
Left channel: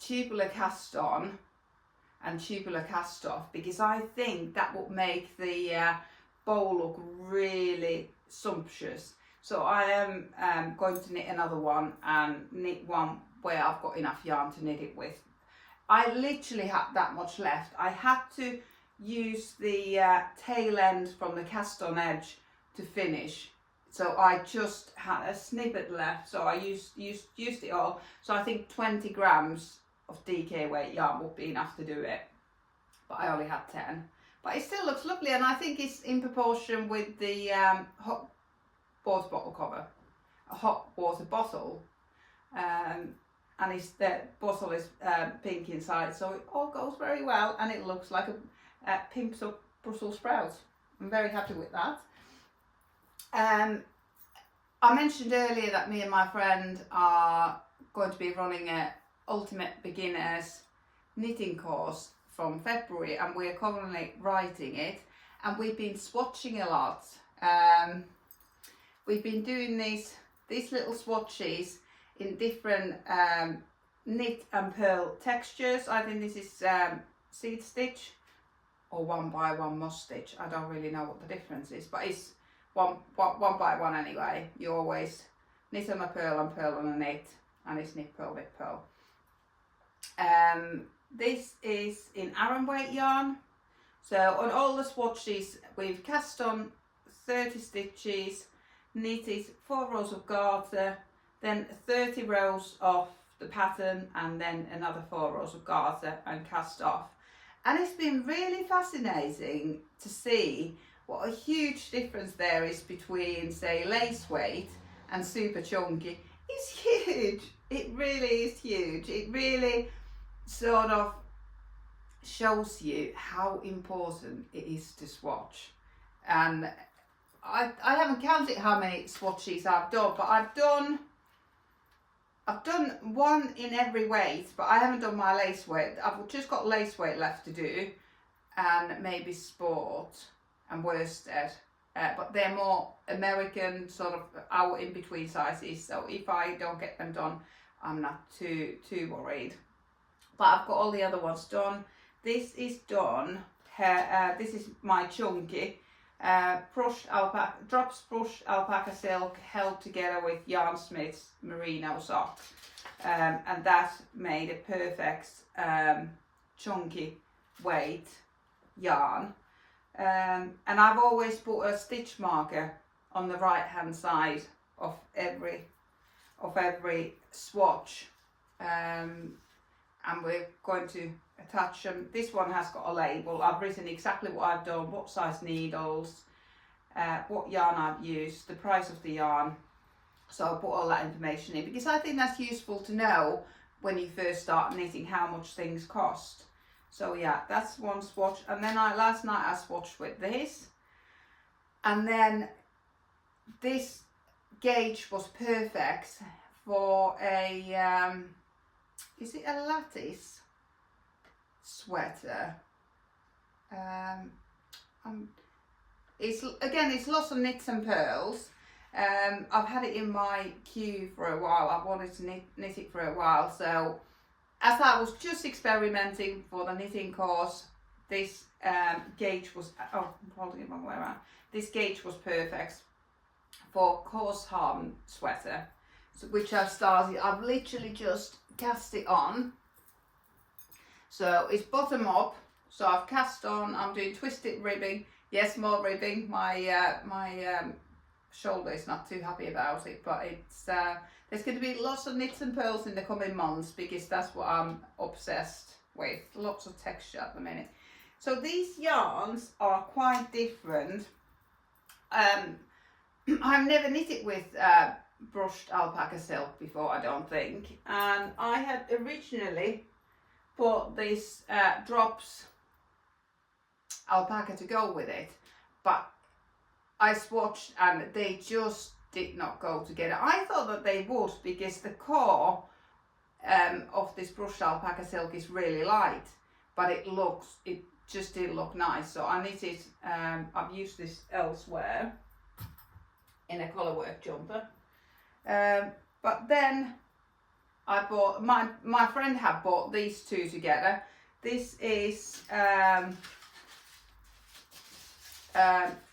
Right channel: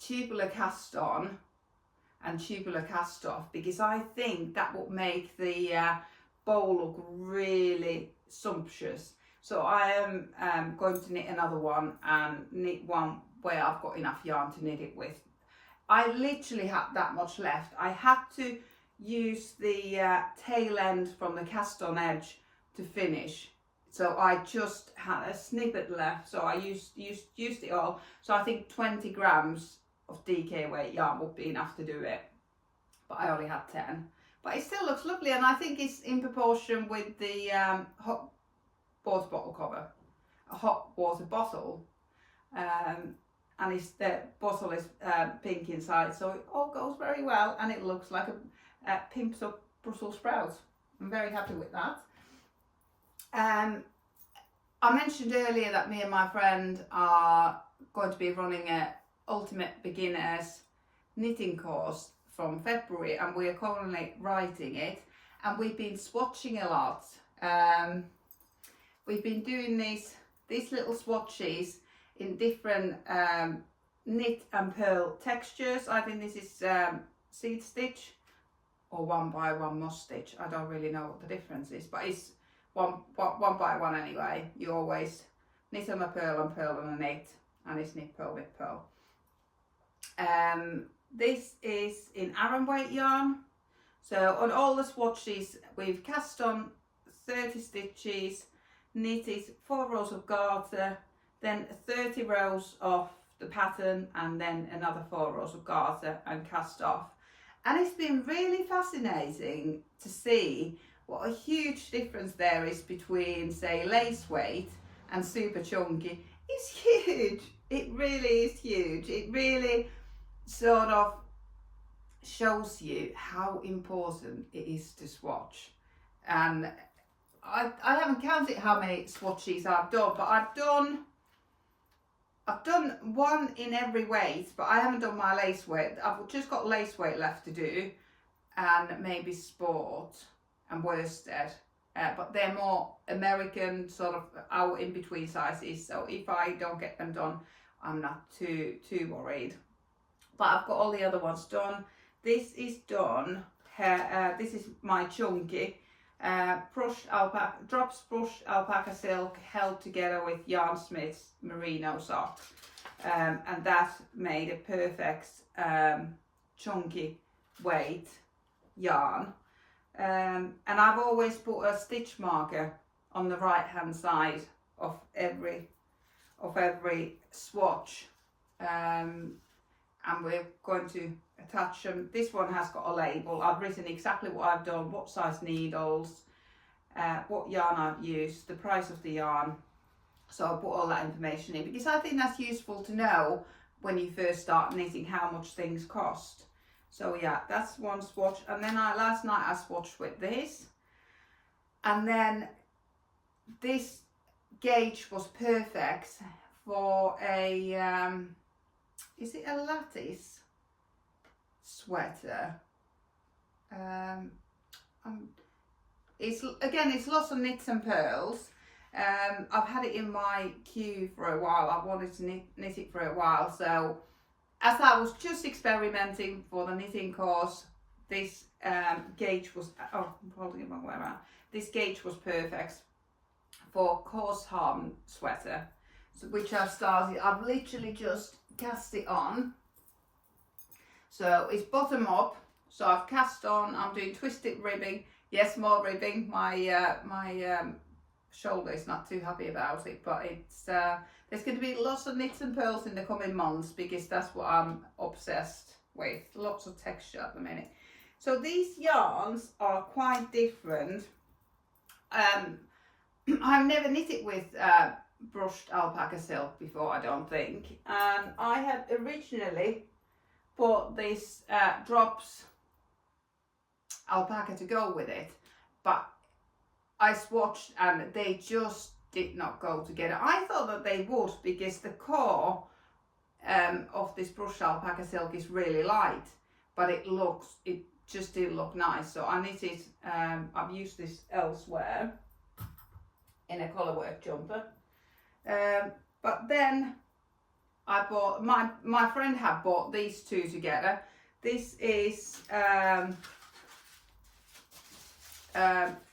tubular cast on and tubular cast off, because I think that would make the bowl look really sumptuous. So I am going to knit another one and knit one where I've got enough yarn to knit it with. I literally had that much left. I had to use the tail end from the cast on edge to finish. So I just had a snippet left, so I used it all. So I think 20 grams of DK weight yarn would be enough to do it. But I only had 10. But it still looks lovely, and I think it's in proportion with the hot water bottle cover. A hot water bottle. And the bottle is pink inside, so it all goes very well, and it looks like a pimped up Brussels sprout. I'm very happy with that. I mentioned earlier that me and my friend are going to be running a Ultimate Beginners knitting course from February, and we are currently writing it, and we've been swatching a lot. We've been doing these little swatches in different knit and purl textures. I think this is seed stitch or 1x1 moss stitch. I don't really know what the difference is, but it's one by one anyway. You always knit on a purl and purl on a knit, and it's knit purl knit purl. This is in Aran weight yarn. So on all the swatches we've cast on 30 stitches, knitted 4 rows of garter, then 30 rows of the pattern, and then another 4 rows of garter and cast off. And it's been really fascinating to see what a huge difference there is between, say, lace weight and super chunky. It's huge. It really is huge. It really sort of shows you how important it is to swatch. And I haven't counted how many swatches I've done, but I've done one in every weight, but I haven't done my lace weight. I've just got lace weight left to do, and maybe sport and worsted, but they're more American, sort of our in between sizes. So if I don't get them done, I'm not too worried. But I've got all the other ones done. This is done. This is my chunky. Brushed alpaca, drops brushed alpaca silk held together with Yarn Smith's merino sock, and that made a perfect chunky weight yarn. And I've always put a stitch marker on the right hand side of every swatch, and we're going to attach them. This one has got a label. I've written exactly what I've done, what size needles, what yarn I've used, the price of the yarn. So I'll put all that information in, because I think that's useful to know when you first start knitting how much things cost. So yeah, that's one swatch. And then last night I swatched with this, and then this gauge was perfect for a is it a lattice sweater? It's lots of knits and pearls. I've had it in my queue for a while. I've wanted to knit it for a while. So as I was just experimenting for the knitting course, this gauge was, oh, I'm holding it the wrong way around. This gauge was perfect for Korshavn Sweater, which I've started. I've literally just cast it on. So it's bottom up. So I've cast on, I'm doing twisted ribbing. Yes, more ribbing. My shoulder is not too happy about it, but it's there's going to be lots of knits and pearls in the coming months, because that's what I'm obsessed with. Lots of texture at the minute. So these yarns are quite different. I've never knitted with brushed alpaca silk before, I don't think, and I had originally bought this drops alpaca to go with it, but I swatched and they just did not go together. I thought that they would, because the core of this brushed alpaca silk is really light, but it just didn't look nice. So I knitted, I've used this elsewhere in a colourwork jumper, but then I bought, my friend had bought these two together. This is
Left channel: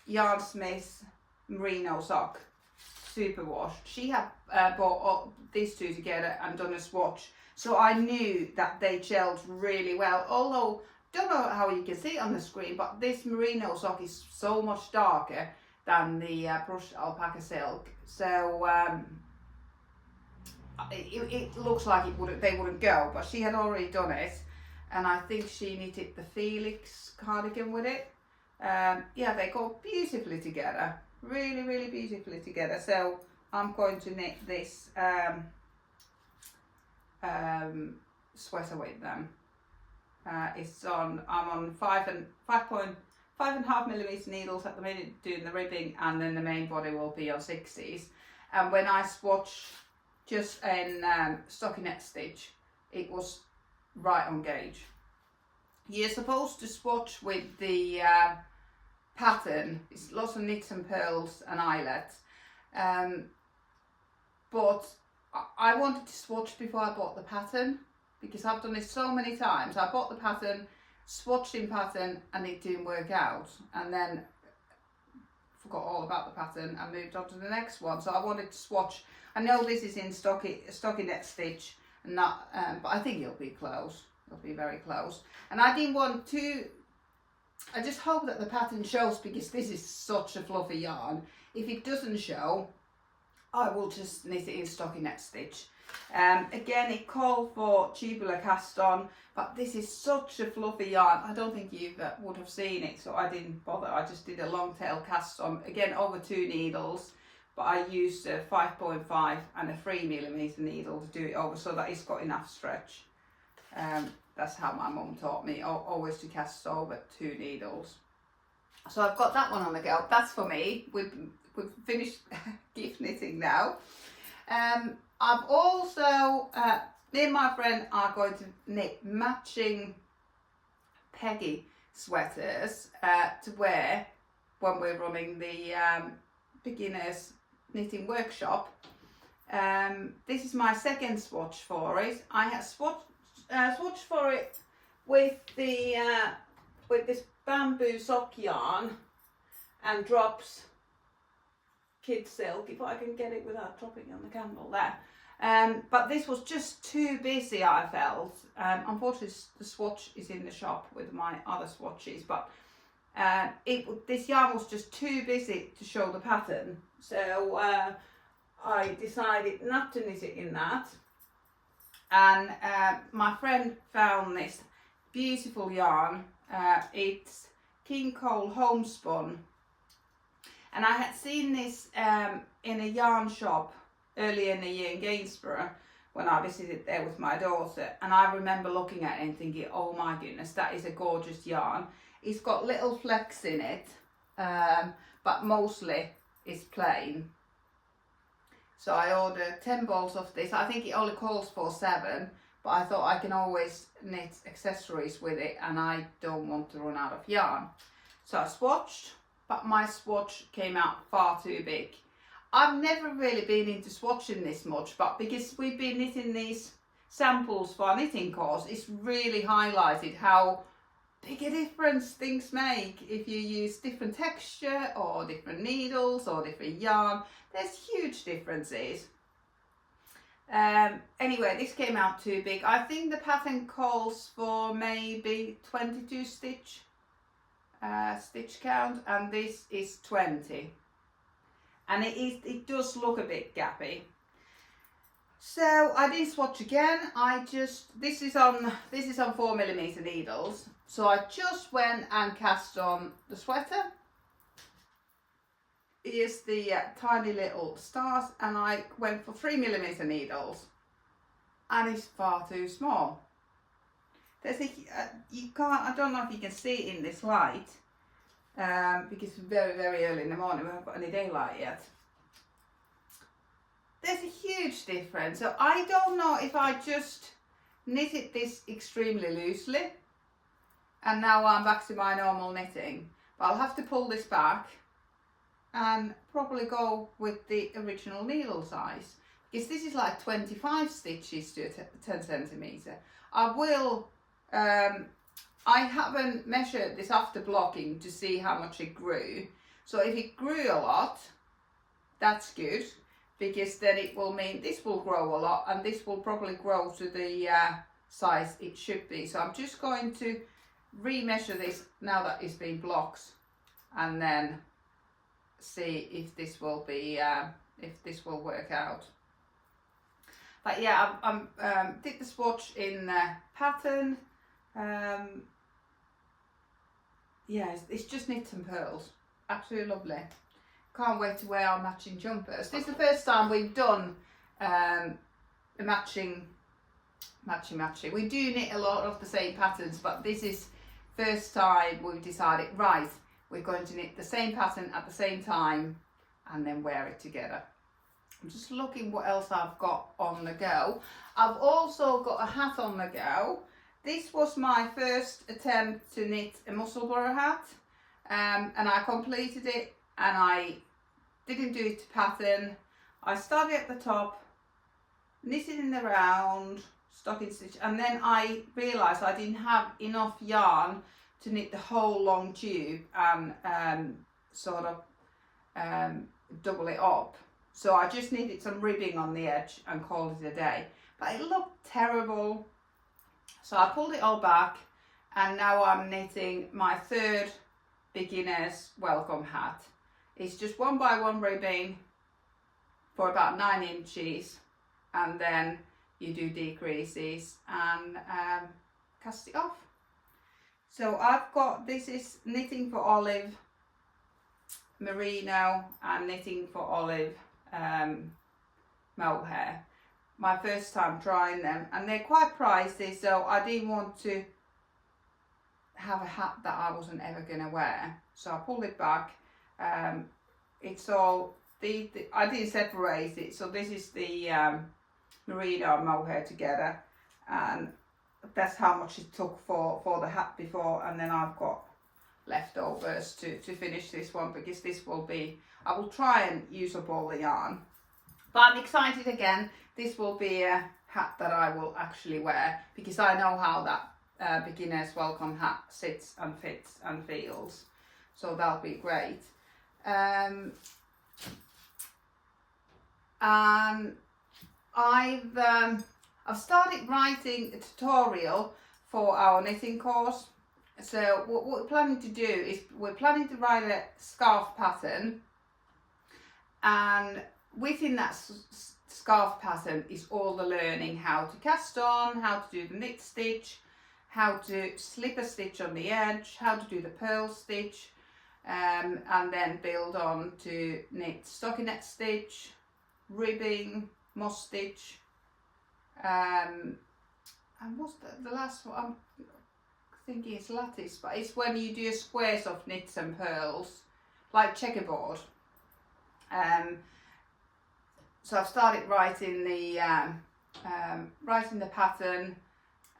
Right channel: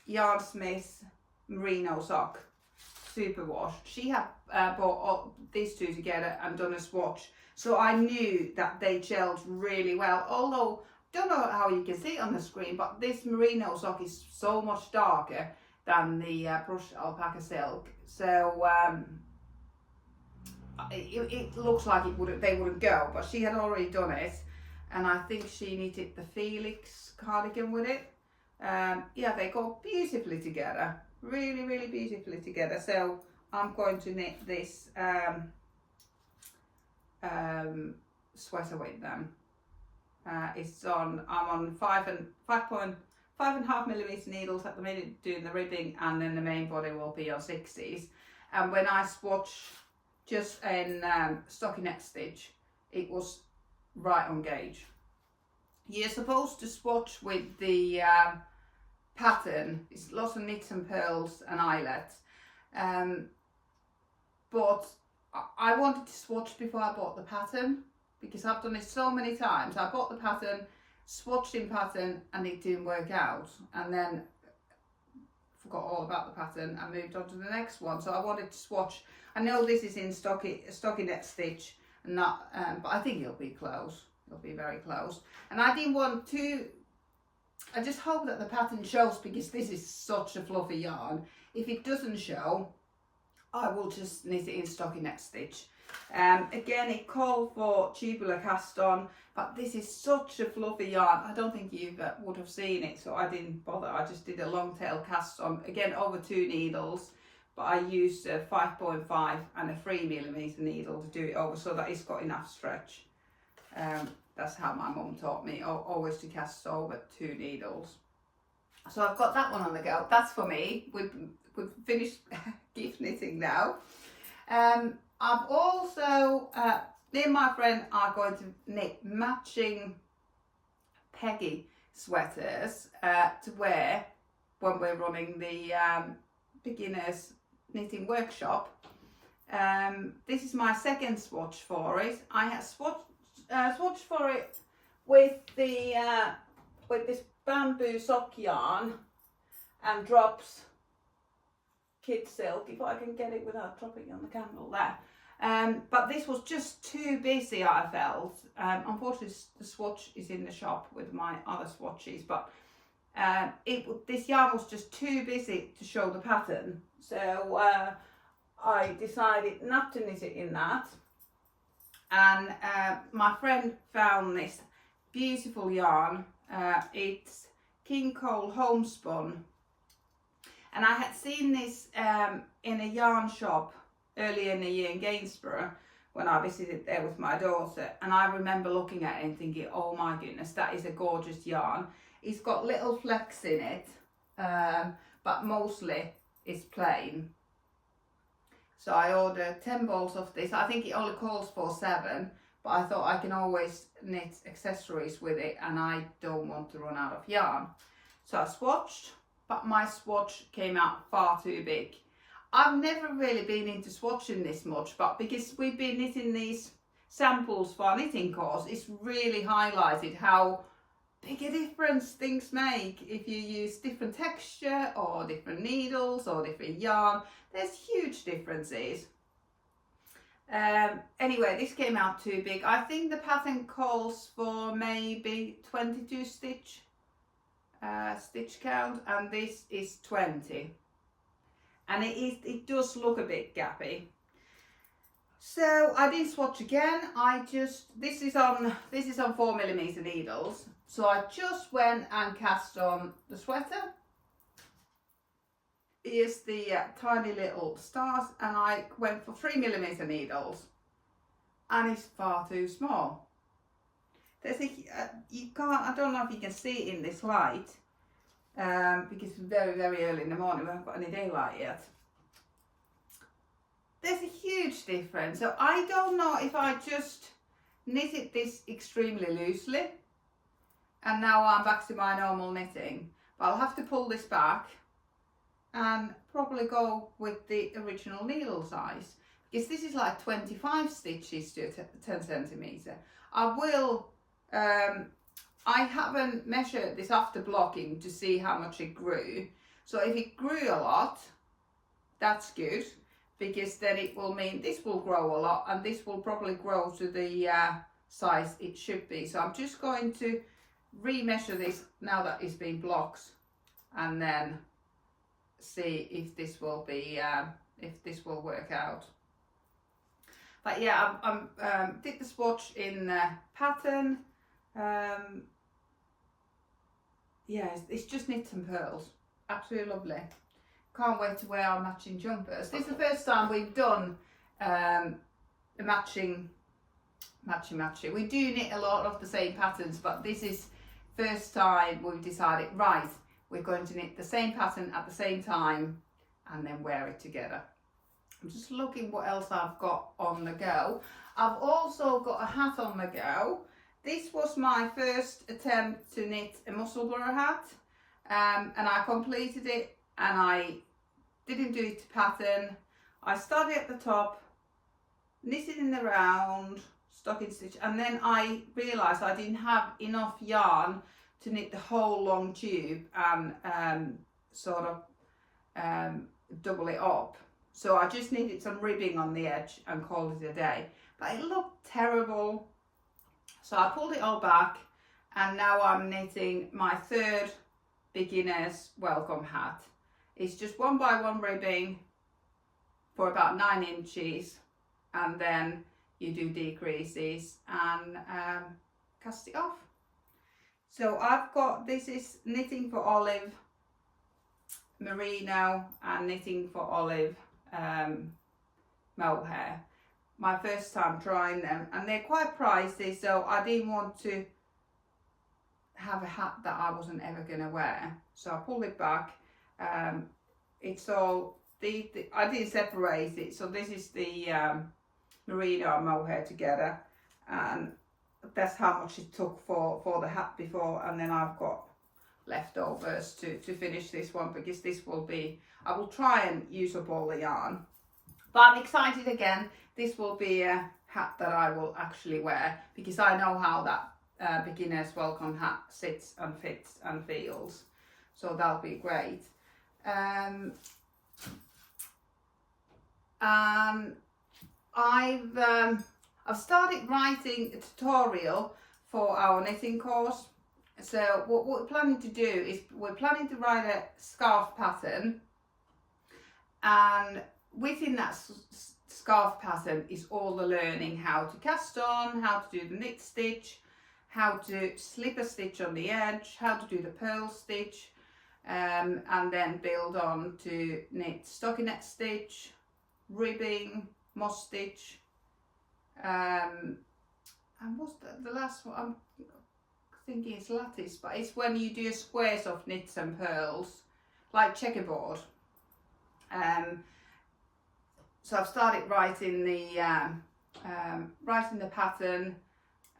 Yarn Smith's merino sock. superwash. She had bought all these two together and done a swatch, so I knew that they gelled really well. Although, don't know how you can see it on the screen, but this merino sock is so much darker than the brushed alpaca silk, so it looks like they wouldn't go, but she had already done it, and I think she knitted the Felix cardigan with it. Yeah, they go beautifully together, really beautifully together. So I'm going to knit this sweater with them. I'm on 5.5 millimeter needles at the minute doing the ribbing, and then the main body will be on 60s. And when I swatch just in stockinette stitch, it was right on gauge. You're supposed to swatch with the pattern. It's lots of knits and pearls and eyelets, but I wanted to swatch before I bought the pattern, because I've done it so many times. I bought the pattern, swatched in pattern, and it didn't work out, and then forgot all about the pattern and moved on to the next one. So I wanted to swatch. I know this is in stockinette stitch, and not, but I think it'll be close. It'll be very close. And I didn't want to. I just hope that the pattern shows, because this is such a fluffy yarn. If it doesn't show, I will just knit it in stockinette stitch. Again, it called for tubular cast on, but this is such a fluffy yarn. I don't think you would have seen it, so I didn't bother. I just did a long tail cast on, again over 2 needles, but I used a 5.5 and a 3 millimeter needle to do it over, so that it's got enough stretch. That's how my mum taught me, always to cast over 2 needles. So I've got that one on the go. That's for me. We've finished gift knitting now. I've also, me and my friend are going to knit matching Peggy sweaters to wear when we're running the beginners knitting workshop. This is my second swatch for it. I had swatched for it with the with this bamboo sock yarn and drops kid silk, if I can get it without dropping on the candle there. But this was just too busy, I felt. Unfortunately, the swatch is in the shop with my other swatches, but this yarn was just too busy to show the pattern. So I decided not to knit it in that. And my friend found this beautiful yarn. It's King Cole Homespun. And I had seen this in a yarn shop earlier in the year in Gainsborough when I visited there with my daughter. And I remember looking at it and thinking, oh my goodness, that is a gorgeous yarn. It's got little flecks in it, but mostly it's plain. So I ordered 10 balls of this. I think it only calls for 7, but I thought I can always knit accessories with it and I don't want to run out of yarn. So I swatched, but my swatch came out far too big. I've never really been into swatching this much, but because we've been knitting these samples for our knitting course, it's really highlighted how big a difference things make if you use different texture or different needles or different yarn. There's huge differences. Anyway, this came out too big. I think the pattern calls for maybe 22 stitch count, and this is 20, and it does look a bit gappy. So I didn't swatch again. This is on 4mm needles. So I just went and cast on the sweater. Here's the tiny little stars, and I went for 3mm needles, and it's far too small. There's I don't know if you can see it in this light, because it's very early in the morning. We haven't got any daylight yet. There's a huge difference. So I don't know if I just knitted this extremely loosely and now I'm back to my normal knitting, but I'll have to pull this back and probably go with the original needle size, because this is like 25 stitches to 10 centimeter. I haven't measured this after blocking to see how much it grew. So if it grew a lot, that's good. because then it will mean this will grow a lot, and this will probably grow to the size it should be. So I'm just going to remeasure this now that it's been blocked, and then see if this will be if this will work out. But yeah, I'm did the swatch in pattern. Yeah, it's just knit and pearls. Absolutely lovely. Can't wait to wear our matching jumpers. This is the first time we've done matching. We do knit a lot of the same patterns, but this is first time we've decided, right, we're going to knit the same pattern at the same time and then wear it together. I'm just looking what else I've got on the go. I've also got a hat on the go. This was my first attempt to knit a Musselburgh hat, and I completed it, and I didn't do it to pattern. I started at the top, knitted in the round, stocking stitch, and then I realised I didn't have enough yarn to knit the whole long tube and sort of double it up. So I just needed some ribbing on the edge and called it a day. But it looked terrible. So I pulled it all back, and now I'm knitting my third beginner's welcome hat. It's just 1 by 1 ribbing for about 9 inches, and then you do decreases and cast it off. So I've got, this is knitting for Olive merino and knitting for Olive mohair. My first time trying them, and they're quite pricey, so I didn't want to have a hat that I wasn't ever going to wear, so I pulled it back. It's all I didn't separate it, so this is the merino and mohair together, and that's how much it took for the hat before, and then I've got leftovers to finish this one, because this will be, I will try and use up all the yarn. But I'm excited again. This will be a hat that I will actually wear, because I know how that beginner's welcome hat sits and fits and feels. So that'll be great. And I've started writing a tutorial for our knitting course. So what we're planning to do is we're planning to write a scarf pattern, and within that scarf pattern is all the learning how to cast on, how to do the knit stitch, how to slip a stitch on the edge, how to do the purl stitch, and then build on to knit stockinette stitch, ribbing, moss stitch, and what's the last one? I'm thinking it's lattice, but it's when you do squares of knits and pearls, like checkerboard. So I've started writing the pattern,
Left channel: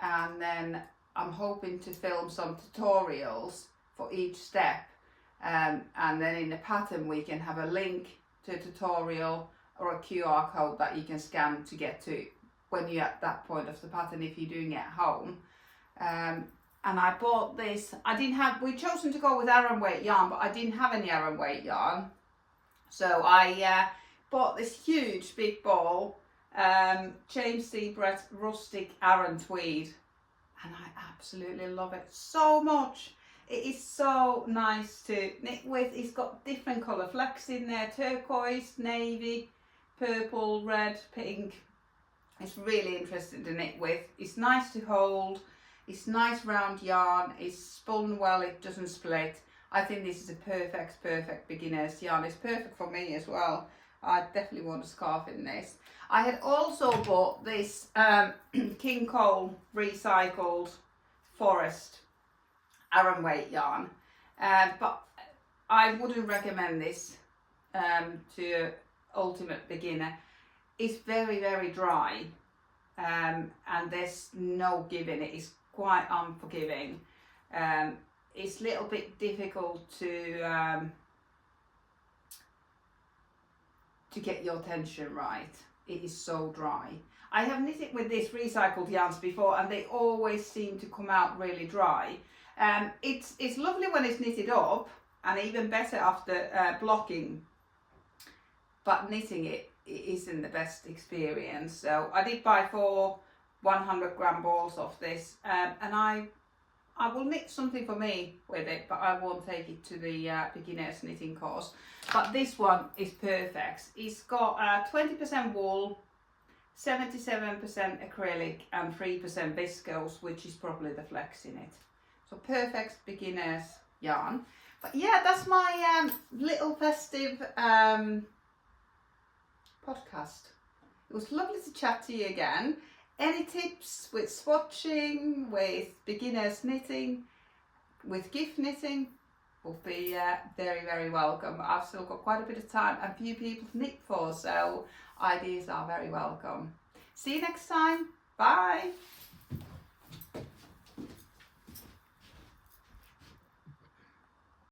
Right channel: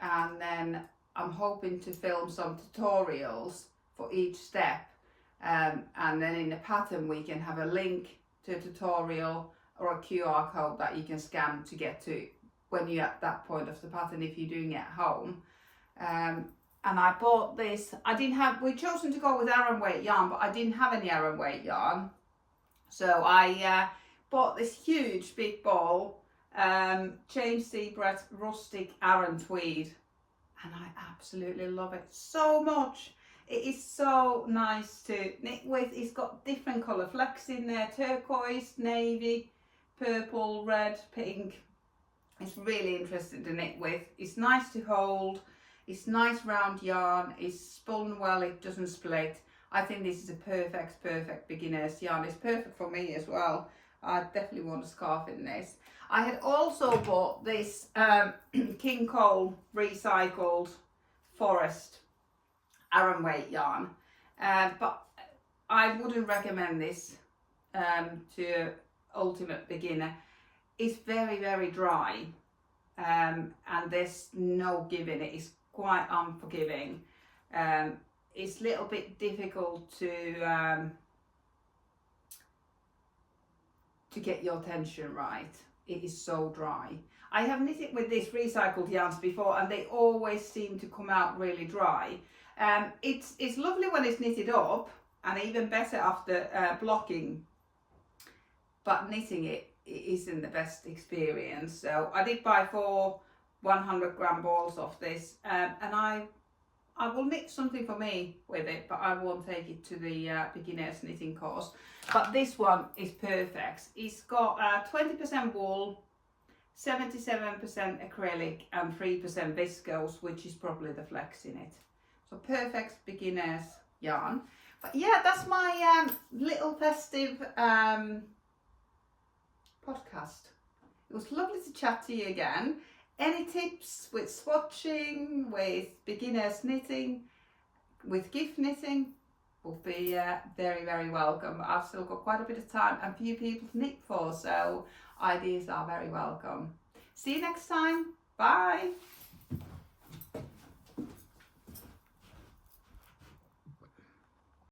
and then I'm hoping to film some tutorials for each step, and then in the pattern we can have a link to a tutorial or a QR code that you can scan to get to when you're at that point of the pattern if you're doing it at home. And I bought this, we'd chosen to go with Aran weight yarn, but I didn't have any Aran weight yarn. So I bought this huge big ball, James Seabrett rustic Aran tweed, and I absolutely love it so much. It is so nice to knit with. It's got different colour flecks in there, turquoise, navy, purple, red, pink. It's really interesting to knit with. It's nice to hold. It's nice round yarn. It's spun well. It doesn't split. I think this is a perfect beginner's yarn. It's perfect for me as well. I definitely want a scarf in this. I had also bought this King Cole recycled forest Aran weight yarn, but I wouldn't recommend this to ultimate beginner. It's very dry, and there's no giving it. It's quite unforgiving. It's a little bit difficult to get your tension right. It is so dry. I have knitted with these recycled yarns before, and they always seem to come out really dry. It's lovely when it's knitted up, and even better after blocking. but knitting it isn't the best experience. So I did buy 4 100-gram balls of this, and I will knit something for me with it, but I won't take it to the beginners knitting course. But this one is perfect. It's got 20% wool, 77% acrylic and 3% viscose, which is probably the flex in it. So perfect beginners yarn. But yeah, that's my little festive podcast. It was lovely to chat to you again. Any tips with swatching, with beginners knitting, with gift knitting will be very, very welcome. I've still got quite a bit of time and few people to knit for, so ideas are very welcome. See you next time. Bye.